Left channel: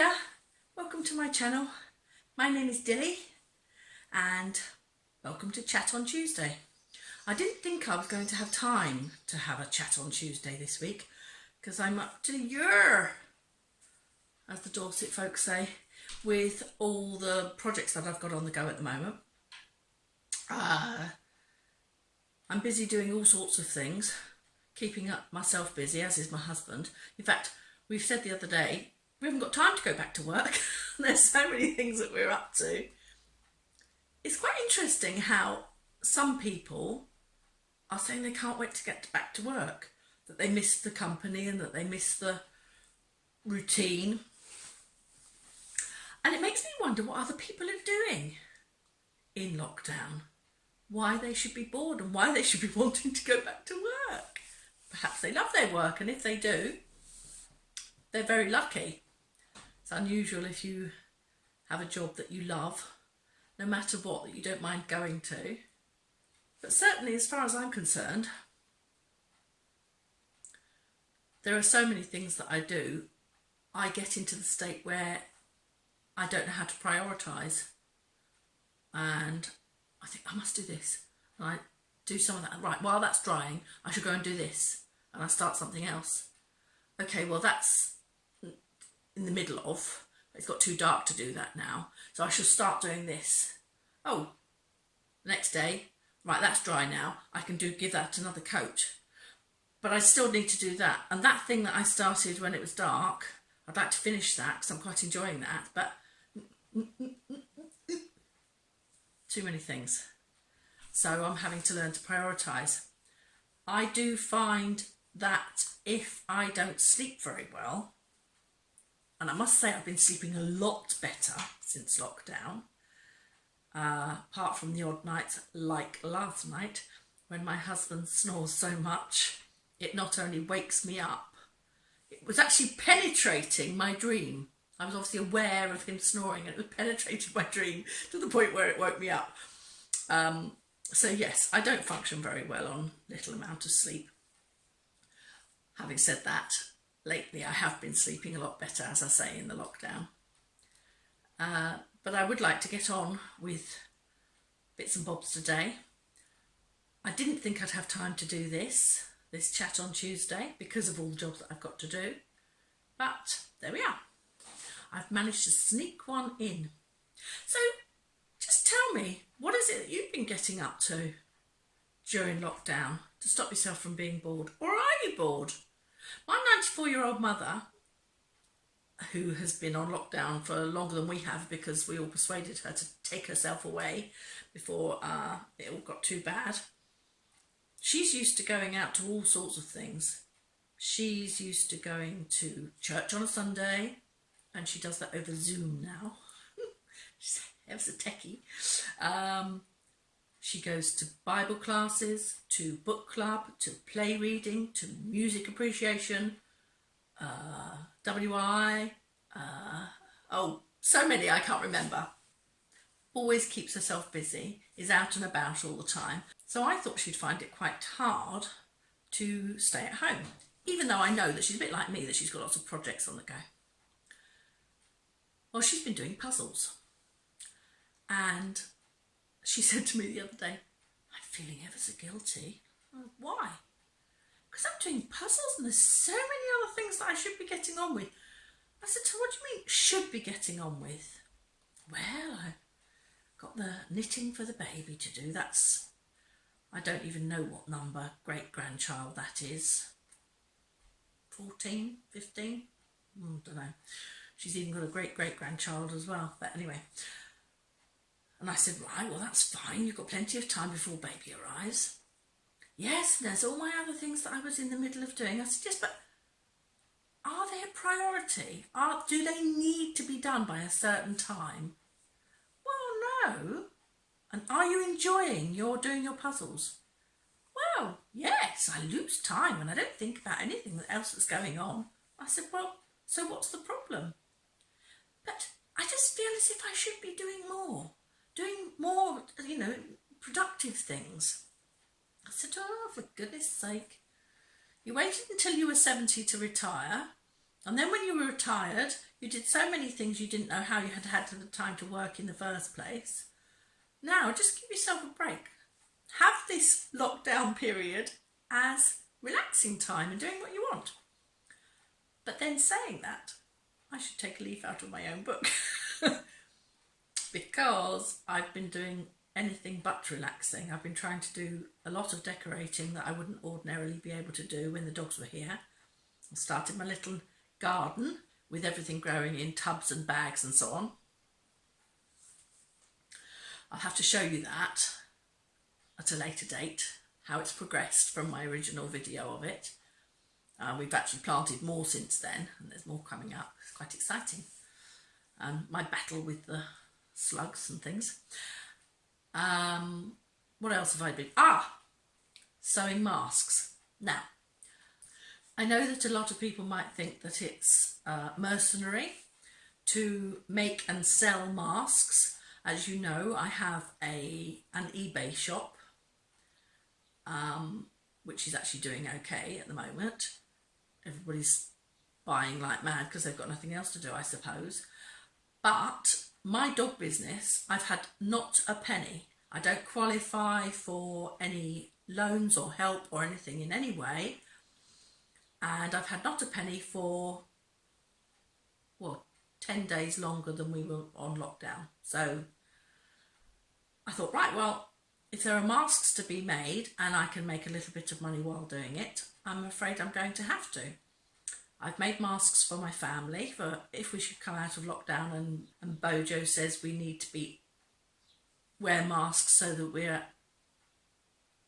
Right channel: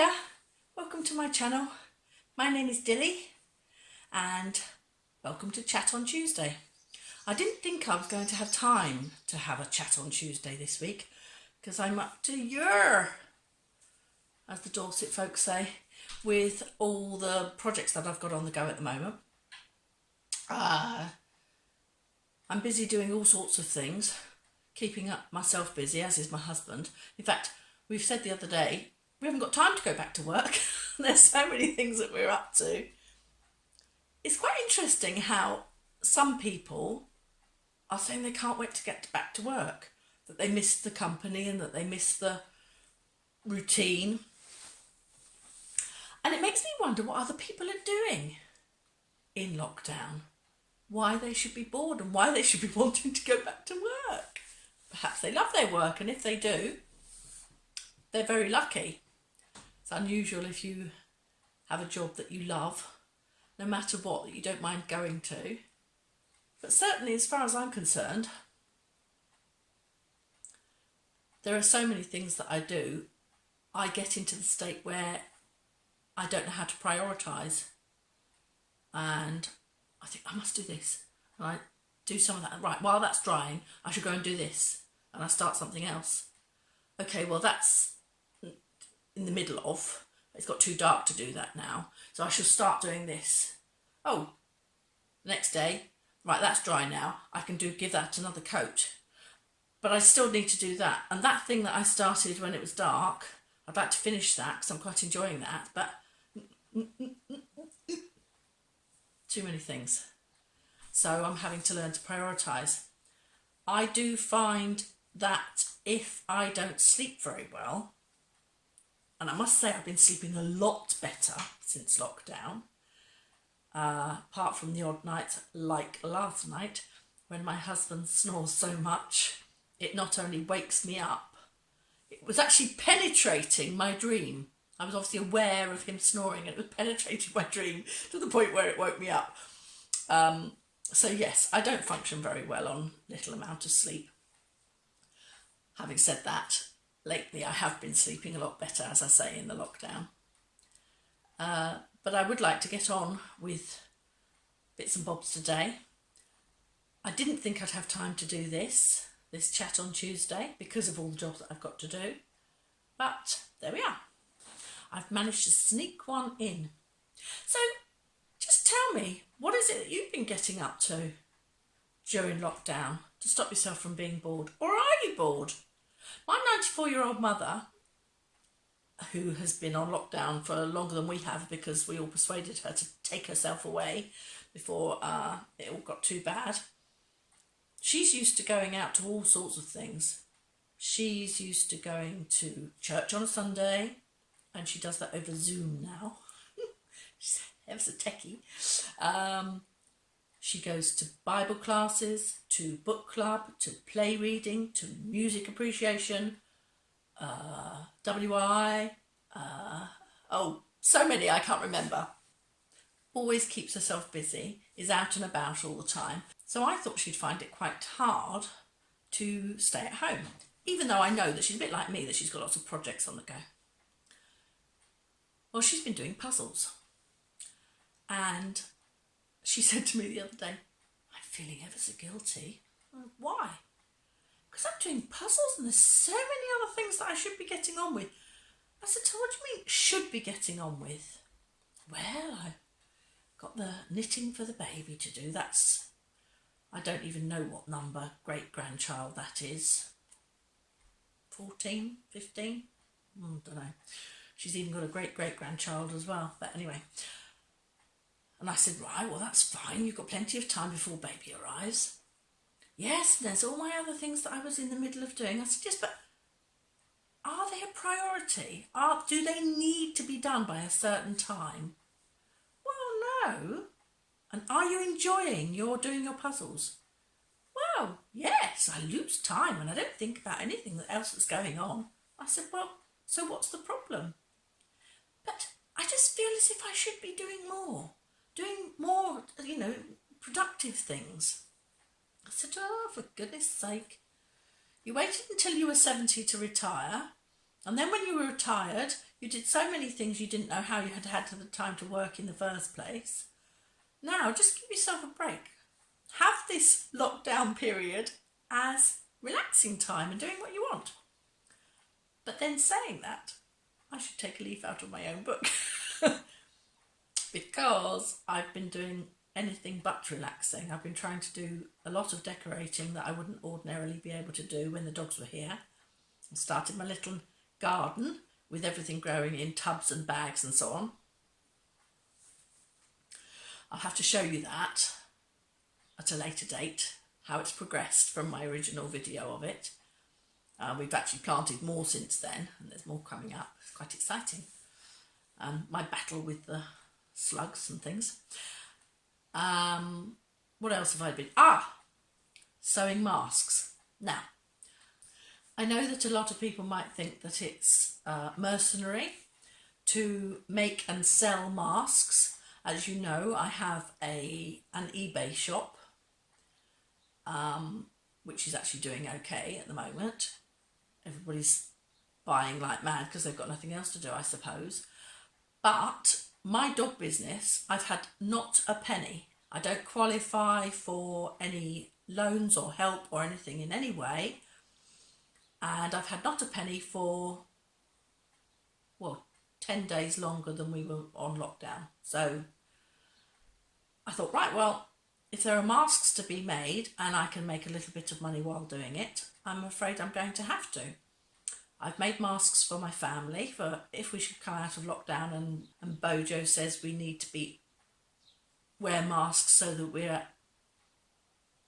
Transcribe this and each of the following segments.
Hiya, welcome to my channel. My name is Dilly and welcome to Chat on Tuesday. I didn't think I was going to have time to have a chat on Tuesday this week because I'm up to your, as the Dorset folks say, with all the projects that I've got on the go at the moment. I'm busy doing all sorts of things, keeping up myself busy, as is my husband. In fact, we've said the other day, we haven't got time to go back to work. There's so many things that we're up to. It's quite interesting how some people are saying they can't wait to get back to work, that they miss the company and that they miss the routine. And it makes me wonder what other people are doing in lockdown, why they should be bored and why they should be wanting to go back to work. Perhaps they love their work, and if they do, they're very lucky. It's unusual if you have a job that you love, no matter what, that you don't mind going to. But certainly, as far as I'm concerned, there are so many things that I do, I get into the state where I don't know how to prioritise. And I think I must do this. And I do some of that. Right, while that's drying, I should go and do this. And I start something else. Okay, well, that's in the middle of. It's got too dark to do that now. So I should start doing this. Oh, the next day, right, that's dry now. I can give that another coat. But I still need to do that. And that thing that I started when it was dark, I'd like to finish that because I'm quite enjoying that. But too many things. So I'm having to learn to prioritise. I do find that if I don't sleep very well, and I must say I've been sleeping a lot better since lockdown, apart from the odd nights like last night when my husband snores so much, it not only wakes me up, it was actually penetrating my dream. I was obviously aware of him snoring and it was penetrating my dream to the point where it woke me up. So yes, I don't function very well on little amount of sleep. Having said that, lately I have been sleeping a lot better, as I say, in the lockdown. But I would like to get on with bits and bobs today. I didn't think I'd have time to do this chat on Tuesday because of all the jobs that I've got to do. But there we are. I've managed to sneak one in. So just tell me, what is it that you've been getting up to during lockdown to stop yourself from being bored? Or are you bored? My 94-year-old mother, who has been on lockdown for longer than we have because we all persuaded her to take herself away before it all got too bad, she's used to going out to all sorts of things. She's used to going to church on a Sunday, and she does that over Zoom now. She's ever so techie. She goes to Bible classes, to book club, to play reading, to music appreciation, WI, so many I can't remember. Always keeps herself busy, is out and about all the time. So I thought she'd find it quite hard to stay at home, even though I know that she's a bit like me, that she's got lots of projects on the go. Well, she's been doing puzzles. And she said to me the other day, I'm feeling ever so guilty. Why? Because I'm doing puzzles and there's so many other things that I should be getting on with. I said to her, what do you mean should be getting on with? Well, I've got the knitting for the baby to do. I don't even know what number great-grandchild that is. 14, 15? Don't know. She's even got a great-great-grandchild as well. But anyway. And I said, right, well, that's fine. You've got plenty of time before baby arrives. Yes, there's all my other things that I was in the middle of doing. I said, yes, but are they a priority? Do they need to be done by a certain time? Well, no. And are you enjoying doing your puzzles? Well, yes, I lose time and I don't think about anything else that's going on. I said, well, so what's the problem? But I just feel as if I should be doing more, productive things. I said, oh, for goodness sake, you waited until you were 70 to retire, And then when you were retired, you did so many things you didn't know how you had the time to work in the first place. Now, just give yourself a break. Have this lockdown period as relaxing time and doing what you want. But then saying that, I should take a leaf out of my own book because I've been doing anything but relaxing. I've been trying to do a lot of decorating that I wouldn't ordinarily be able to do when the dogs were here. I started my little garden with everything growing in tubs and bags and so on. I'll have to show you that at a later date, how it's progressed from my original video of it. We've actually planted more since then, and there's more coming up. It's quite exciting. My battle with the slugs and things. What else have I been? Sewing masks. Now, I know that a lot of people might think that it's mercenary to make and sell masks. As you know, I have an eBay shop, which is actually doing okay at the moment. Everybody's buying like mad because they've got nothing else to do, I suppose. But my dog business, I've had not a penny. I don't qualify for any loans or help or anything in any way. And I've had not a penny for, 10 days longer than we were on lockdown. So I thought, right, well, if there are masks to be made and I can make a little bit of money while doing it, I'm afraid I'm going to have to. I've made masks for my family for if we should come out of lockdown and Bojo says we need to wear masks so that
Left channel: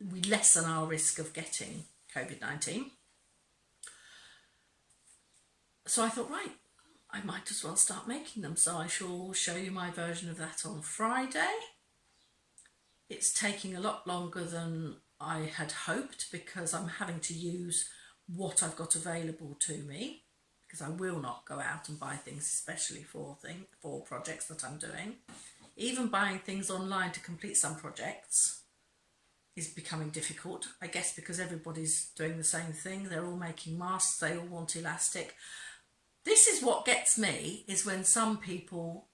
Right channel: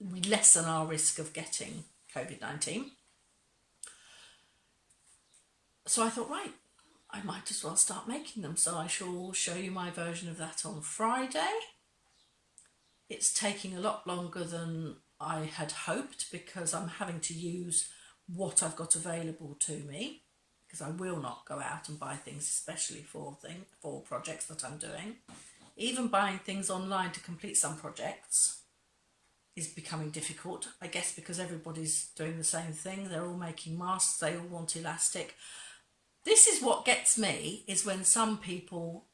we lessen our risk of getting COVID-19. So I thought, right, I might as well start making them. So I shall show you my version of that on Friday. It's taking a lot longer than I had hoped because I'm having to use what I've got available to me, because I will not go out and buy things, especially for projects that I'm doing. Even buying things online to complete some projects is becoming difficult, I guess, because everybody's doing the same thing. They're all making masks, they all want elastic. This is what gets me, is when some people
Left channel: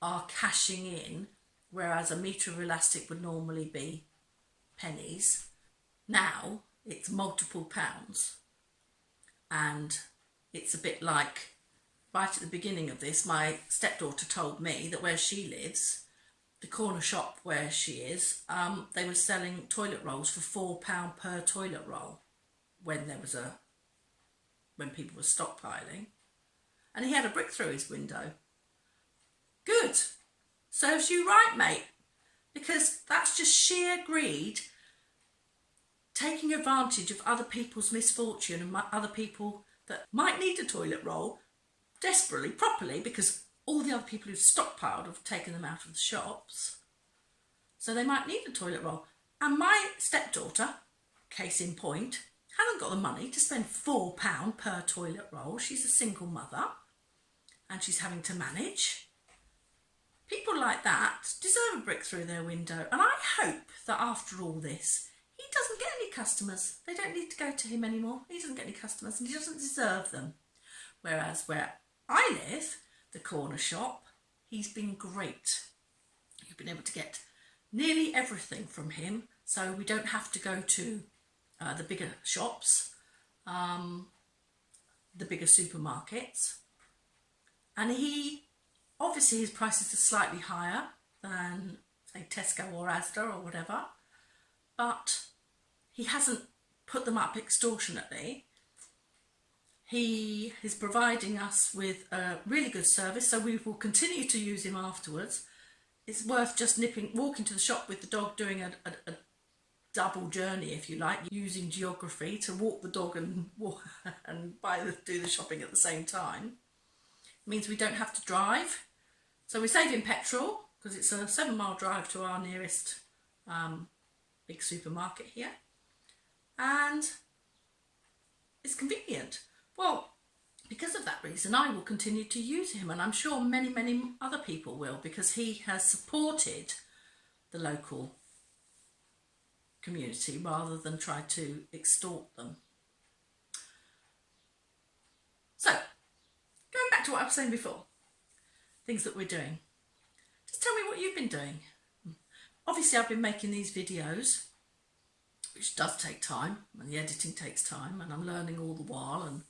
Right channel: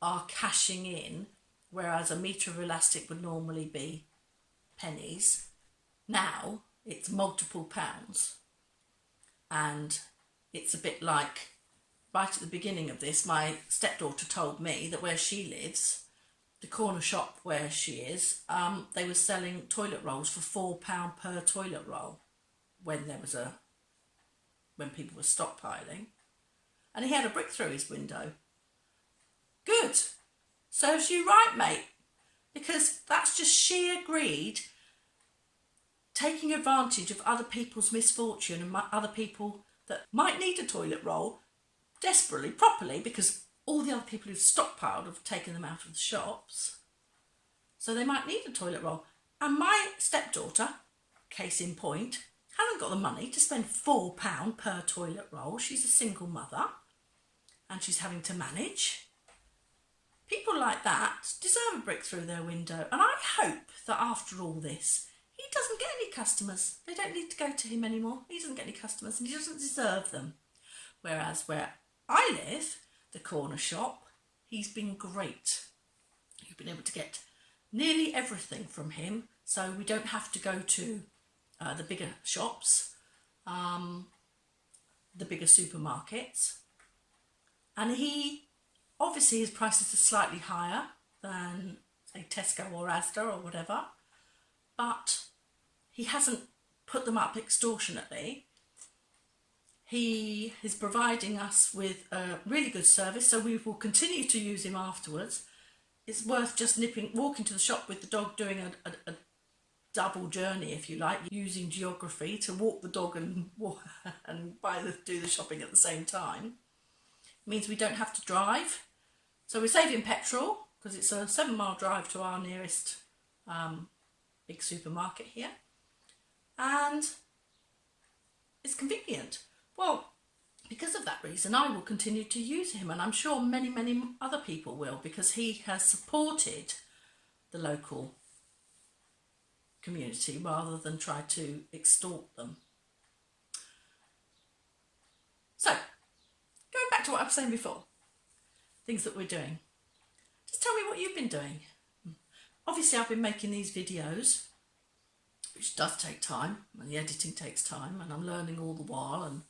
are cashing in, whereas a metre of elastic would normally be pennies. Now it's multiple pounds. And it's a bit like, right at the beginning of this, my stepdaughter told me that where she lives, the corner shop where she is, they were selling toilet rolls for £4 per toilet roll when people were stockpiling. And he had a brick through his window. Good. Serves you right, mate. Because that's just sheer greed, taking advantage of other people's misfortune and other people that might need a toilet roll desperately, properly, because all the other people who've stockpiled have taken them out of the shops. So they might need a toilet roll. And my stepdaughter, case in point, hasn't got the money to spend £4 per toilet roll. She's a single mother and she's having to manage. People like that deserve a brick through their window. And I hope that after all this, he doesn't get any customers. They don't need to go to him anymore. He doesn't get any customers and he doesn't deserve them. Whereas where I live, the corner shop, he's been great. You've been able to get nearly everything from him. So we don't have to go to the bigger shops, the bigger supermarkets. And obviously his prices are slightly higher than, say, Tesco or Asda or whatever, but he hasn't put them up extortionately. He is providing us with a really good service, so we will continue to use him afterwards. It's worth just walking to the shop with the dog, doing a double journey, if you like, using geography to walk the dog and do the shopping at the same time. It means we don't have to drive. So we're saving petrol because it's a 7-mile drive to our nearest big supermarket here. And it's convenient. Well, because of that reason, I will continue to use him, and I'm sure many, many other people will, because he has supported the local community rather than try to extort them. So, going back to what I was saying before, things that we're doing. Just tell me what you've been doing. Obviously, I've been making these videos, which does take time, and the editing takes time, and I'm learning all the while, and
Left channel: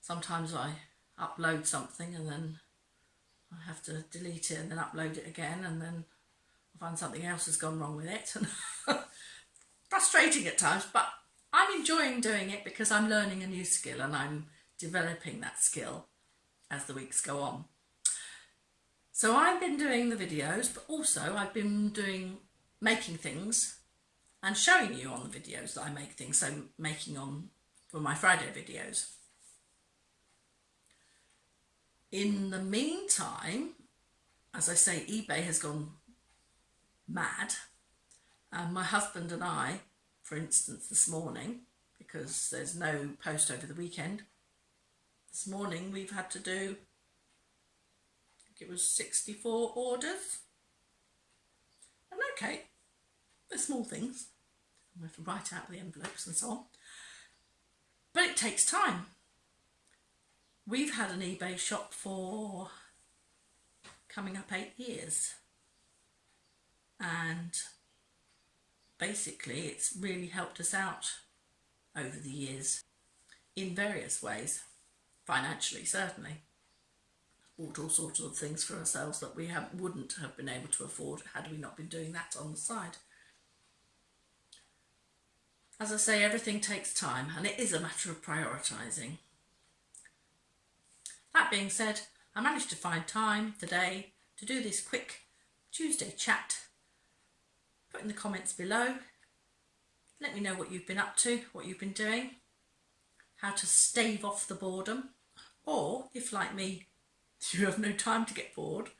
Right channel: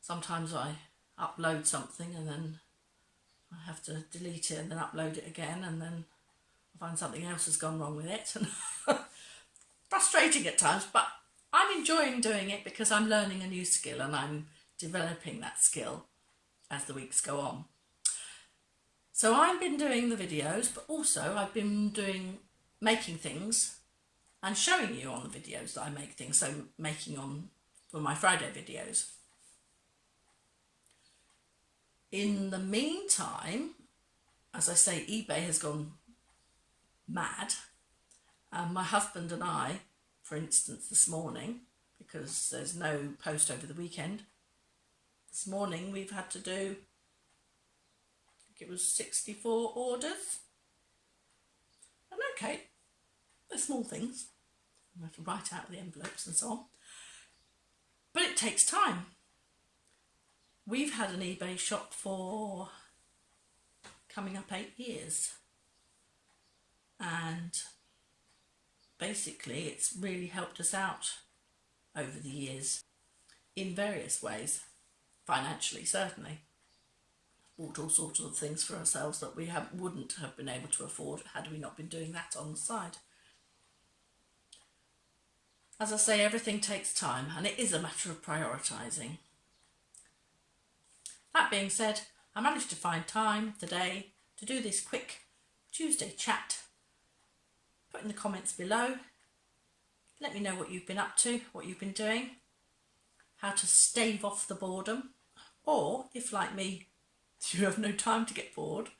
sometimes I upload something and then I have to delete it and then upload it again, and then I find something else has gone wrong with it. And frustrating at times, but I'm enjoying doing it because I'm learning a new skill and I'm developing that skill as the weeks go on. So I've been doing the videos, but also I've been making things and showing you on the videos that I make things, so making on for my Friday videos. In the meantime, as I say, eBay has gone mad. My husband and I, for instance, this morning, because there's no post over the weekend, this morning we've had to do, I think it was 64 orders. And okay, they're small things. I have to write out the envelopes and so on. But it takes time. We've had an eBay shop for coming up 8 years. And basically it's really helped us out over the years in various ways. Financially, certainly. Bought all sorts of things for ourselves that we wouldn't have been able to afford had we not been doing that on the side. As I say, everything takes time, and it is a matter of prioritising. That being said, I managed to find time today to do this quick Tuesday chat. Put in the comments below. Let me know what you've been up to, what you've been doing, how to stave off the boredom, or if, like me, you have no time to get bored,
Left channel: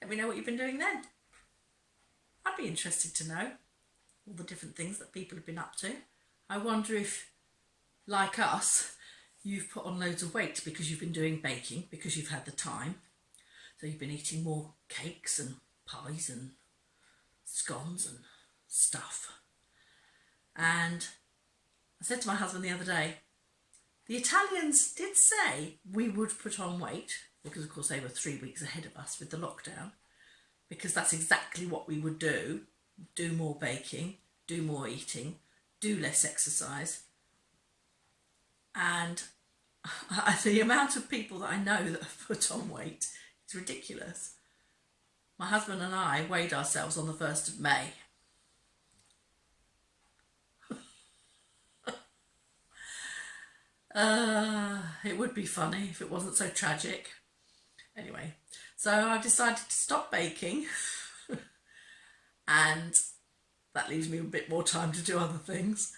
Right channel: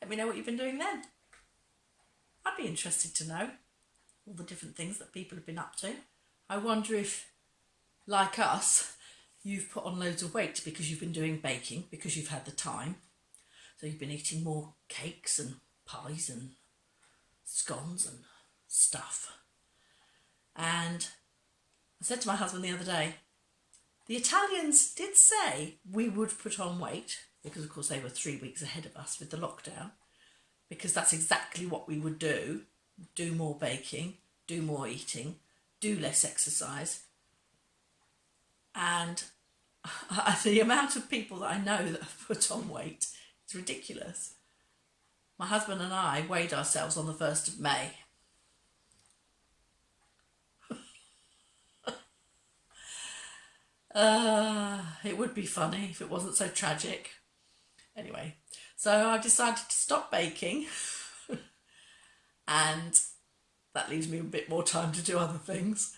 let me know what you've been doing then. I'd be interested to know all the different things that people have been up to. I wonder if, like us, you've put on loads of weight because you've been doing baking, because you've had the time. So you've been eating more cakes and pies and scones and stuff. And I said to my husband the other day, the Italians did say we would put on weight, because of course they were 3 weeks ahead of us with the lockdown, because that's exactly what we would do more baking, do more eating, do less exercise. And the amount of people that I know that have put on weight is ridiculous. My husband and I weighed ourselves on the 1st of May. It would be funny if it wasn't so tragic. Anyway, so I decided to stop baking and that leaves me a bit more time to do other things.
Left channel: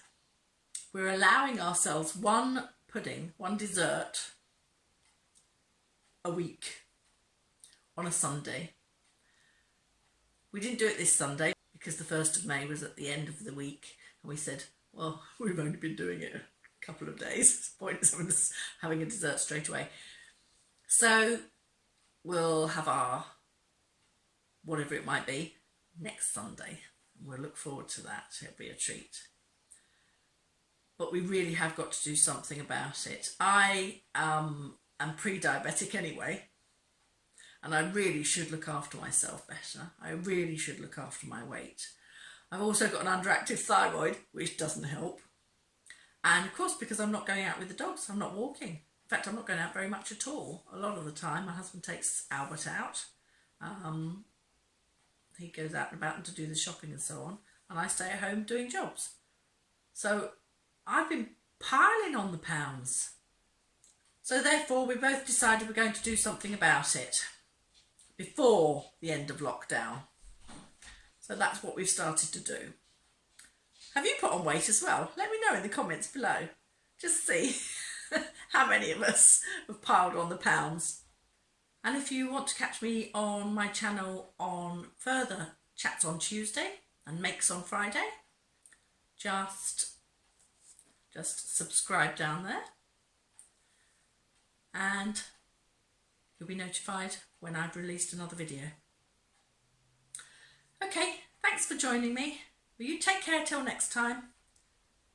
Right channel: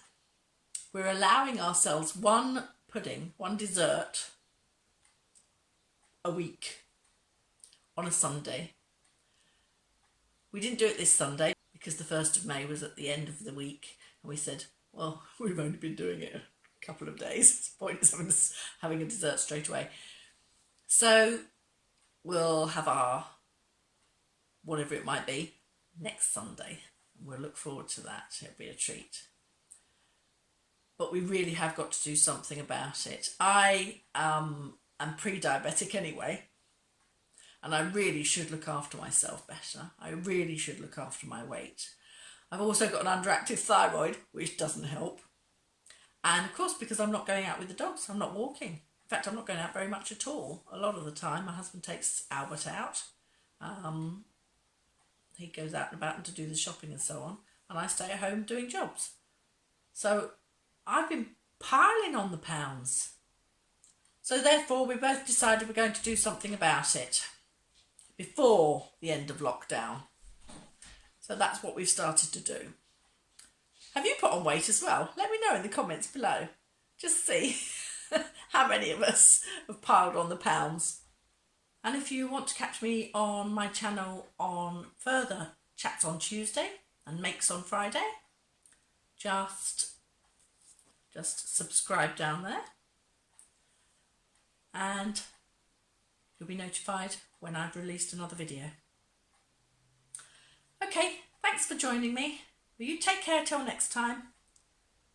We're allowing ourselves one dessert a week on a Sunday. We didn't do it this Sunday because the 1st of May was at the end of the week, and we said, well, we've only been doing it a couple of days. It's pointless having a dessert straight away. So we'll have our whatever it might be next Sunday. We'll look forward to that. It'll be a treat. But we really have got to do something about it. I am pre-diabetic anyway, and I really should look after myself better. I really should look after my weight. I've also got an underactive thyroid, which doesn't help. And of course, because I'm not going out with the dogs, I'm not walking. In fact, I'm not going out very much at all. A lot of the time, my husband takes Albert out. He goes out and about to do the shopping and so on, and I stay at home doing jobs. So I've been piling on the pounds. So therefore, we both decided we're going to do something about it before the end of lockdown. So that's what we've started to do. Have you put on weight as well? Let me know in the comments below. Just see how many of us have piled on the pounds. And if you want to catch me on my channel on further chats on Tuesday and makes on Friday, just subscribe down there and you'll be notified when I've released another video. Okay, thanks for joining me. Will you take care till next time?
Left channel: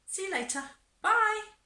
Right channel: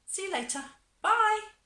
See you later. Bye.